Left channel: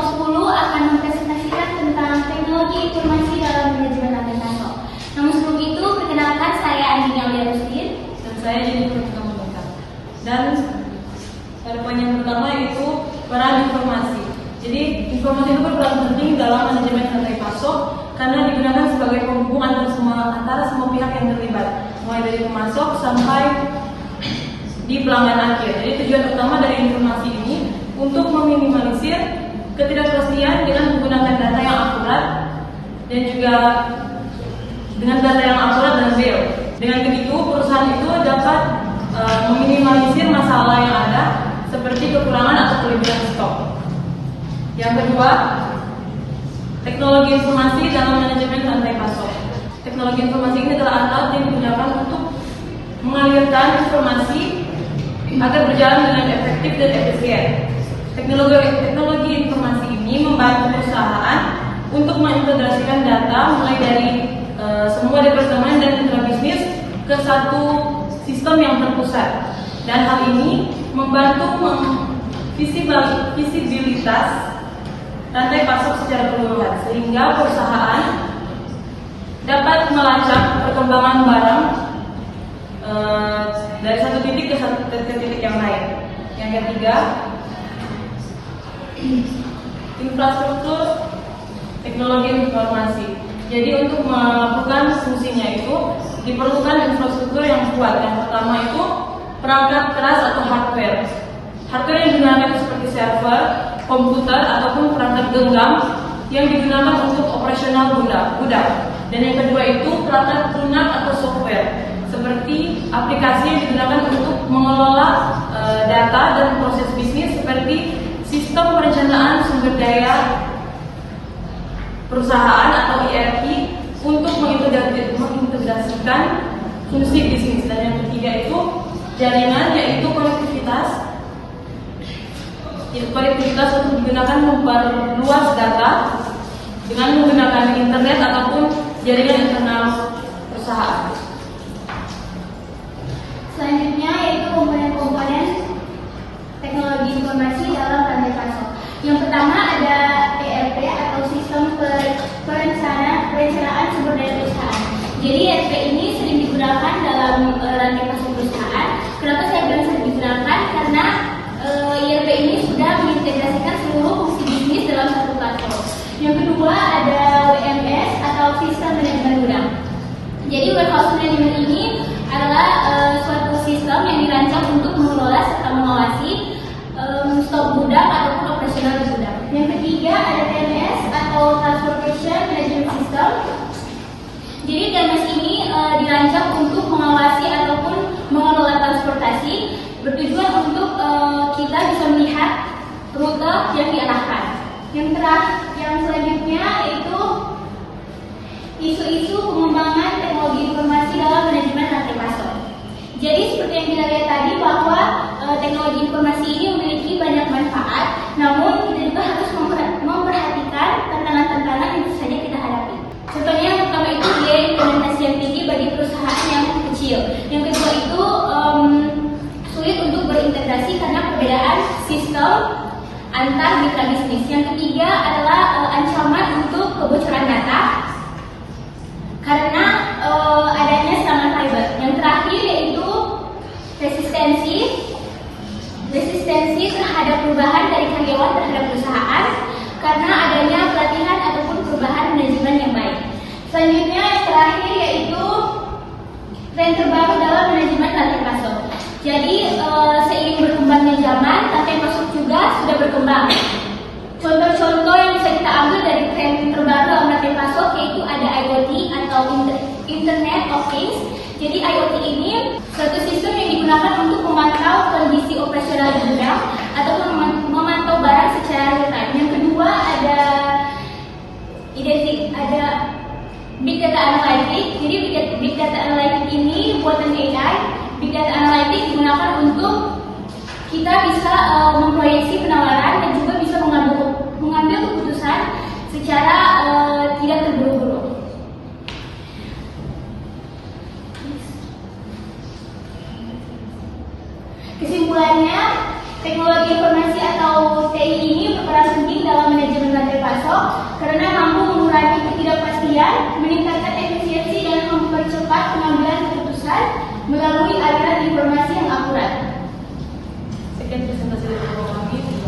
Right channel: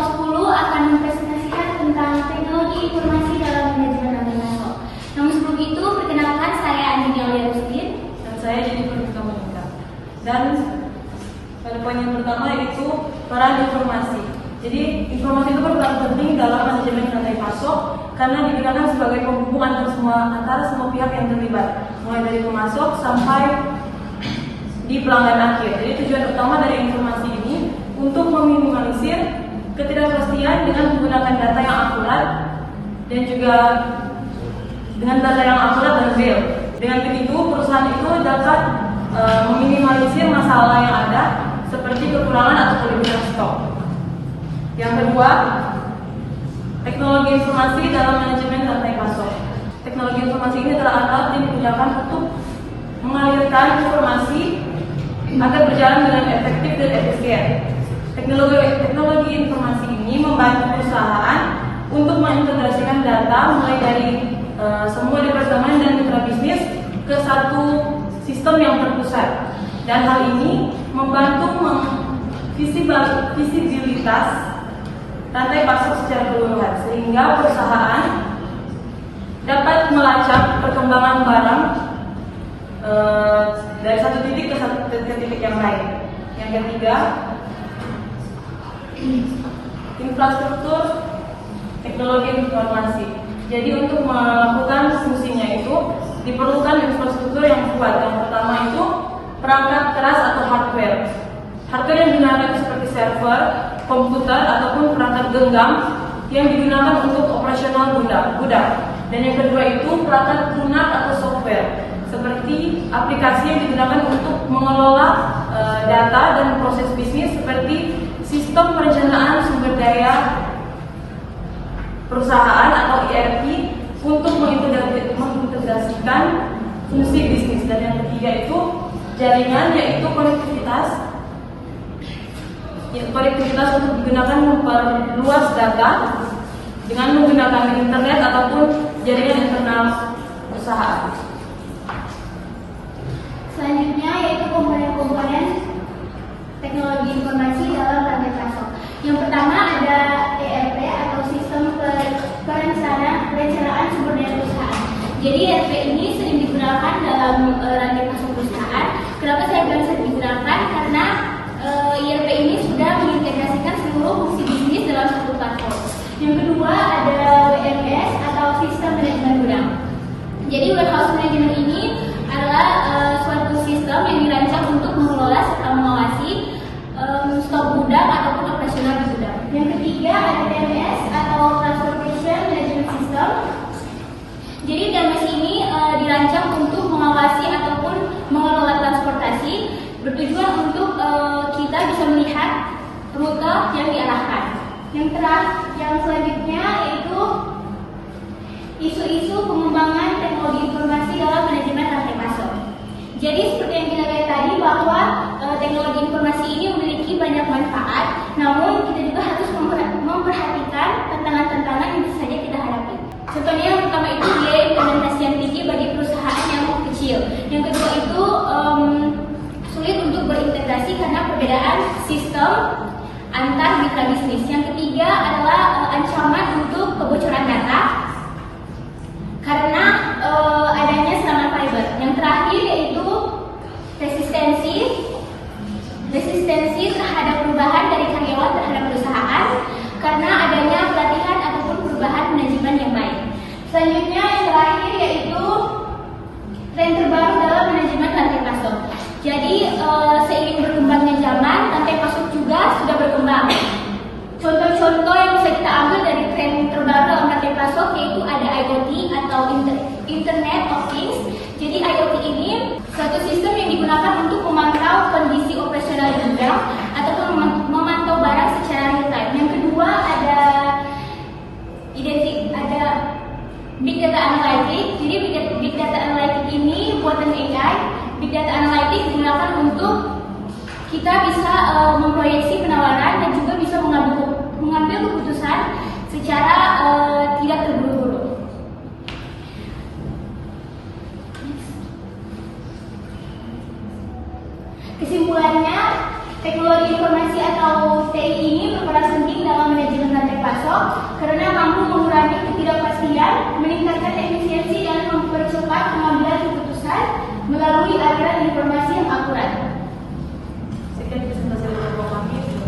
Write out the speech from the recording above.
kelompok 10 akan mempresentasikan tentang teknologi informasi dalam manajemen rantai pasok. Namun sebelum itu, perkenalkan saya Andini Aulia Rusdin. Dan saya Jennifer Komunikasi. Dan pada poin yang pertama yaitu peran informasi. Jadi informasi itu berperan penting dalam manajemen rantai pasok karena digunakan sebagai penghubung antara semua pihak yang terlibat, mulai dari pemasok sampai di pelanggan akhir. Jadi tujuan utama dari informasi ini untuk meminimalisir ketidakpastian dengan menggunakan data yang akurat dan juga dengan data yang akurat dan real. Dengan begitu perusahaan itu dapat meminimalisir masalah yang ada seperti kekurangan atau kelebihan stok. Yang kedua, teknologi informasi dalam manajemen rantai pasok. Teknologi informasi ini adalah alat yang digunakan untuk mengalirkan informasi agar berjalan dengan efektif dan efisien. Teknologi informasi ini membantu perusahaan untuk mengintegrasikan data mulai dari semua departemen dan mitra bisnis ke satu sistem yang terpusat. Dan hal ini membantu visibilitas rantai pasok secara keseluruhan sehingga perusahaan dapat melacak perkembangan barang dari satu titik ke titik yang lain. Yang ketiga, infrastruktur teknologi informasi. Jadi untuk melakukan fungsinya itu diperlukan infrastruktur yang kuat. Yang pertama itu perangkat keras atau hardware. Hardware yang digunakan itu seperti server, komputer ataupun perangkat genggam yang digunakan untuk operasional gudang. Dan yang kedua itu perangkat lunak atau software seperti aplikasi yang digunakan untuk mengelola data dan proses bisnis seperti sistem perencanaan sumber daya perusahaan atau ERP untuk mengintegrasikan fungsi bisnis. Dan yang ketiga itu jaringan, yaitu konektivitas untuk digunakan memperluas data dengan menggunakan internet ataupun jaringan internal perusahaan. Selanjutnya yaitu komponen-komponen teknologi informasi dalam rantai pasok. Yang pertama ada ERP atau sistem perencanaan sumber daya perusahaan. Jadi ERP ini sering digunakan dalam rantai pasok perusahaan. Kenapa saya bilang sering digunakan? Karena ERP ini sudah mengintegrasikan seluruh fungsi bisnis dalam satu platform. Yang kedua ada WMS atau sistem manajemen gudang. Jadi warehouse management ini adalah suatu sistem yang dirancang untuk mengelola serta mengawasi stok gudang ataupun operasional di gudang. Yang ketiga ada TMS atau Transportation Management System. Jadi TMS ini dirancang untuk mengawasi ataupun mengelola transportasi, bertujuan untuk kita bisa melihat rute yang diarahkan. Yang selanjutnya yaitu isu-isu pengembangan teknologi informasi dalam manajemen rantai pasok. Jadi seperti yang kita lihat tadi bahwa teknologi informasi ini memiliki banyak manfaat, namun kita juga harus memperhatikan tantangan-tantangan yang bisa saja kita hadapi. Contohnya yang pertama itu biaya implementasi yang tinggi bagi perusahaan yang kecil. Yang kedua itu sulit untuk berintegrasi karena perbedaan sistem antar mitra bisnis. Yang ketiga adalah ancaman untuk kebocoran data karena adanya serangan cyber. Yang terakhir yaitu resistensi terhadap perubahan dari karyawan terhadap perusahaan karena adanya pelatihan ataupun perubahan manajemen yang baik. Selanjutnya yang terakhir yaitu tren terbaru dalam manajemen rantai pasok. Jadi seiring berkembangnya zaman, rantai pasok juga sudah berkembang. Contoh-contoh yang bisa kita ambil dari tren terbaru dalam rantai pasok yaitu ada IoT atau Internet of Things. Jadi IoT ini suatu sistem yang digunakan untuk memantau kondisi operasional di gudang ataupun memantau barang secara real time. Yang kedua ada Big Data Analytics. Jadi Big Data Analytics ini buatan AI. Big Data Analytics digunakan untuk kita bisa memproyeksi penawaran dan juga bisa mengambil keputusan secara tidak terburu-buru. Kesimpulannya, Teknologi informasi atau TI ini berperan penting dalam manajemen rantai pasok karena mampu mengurangi ketidakpastian, meningkatkan efisiensi dan mempercepat pengambilan keputusan melalui aliran informasi yang akurat. Sekian presentasi dari kami.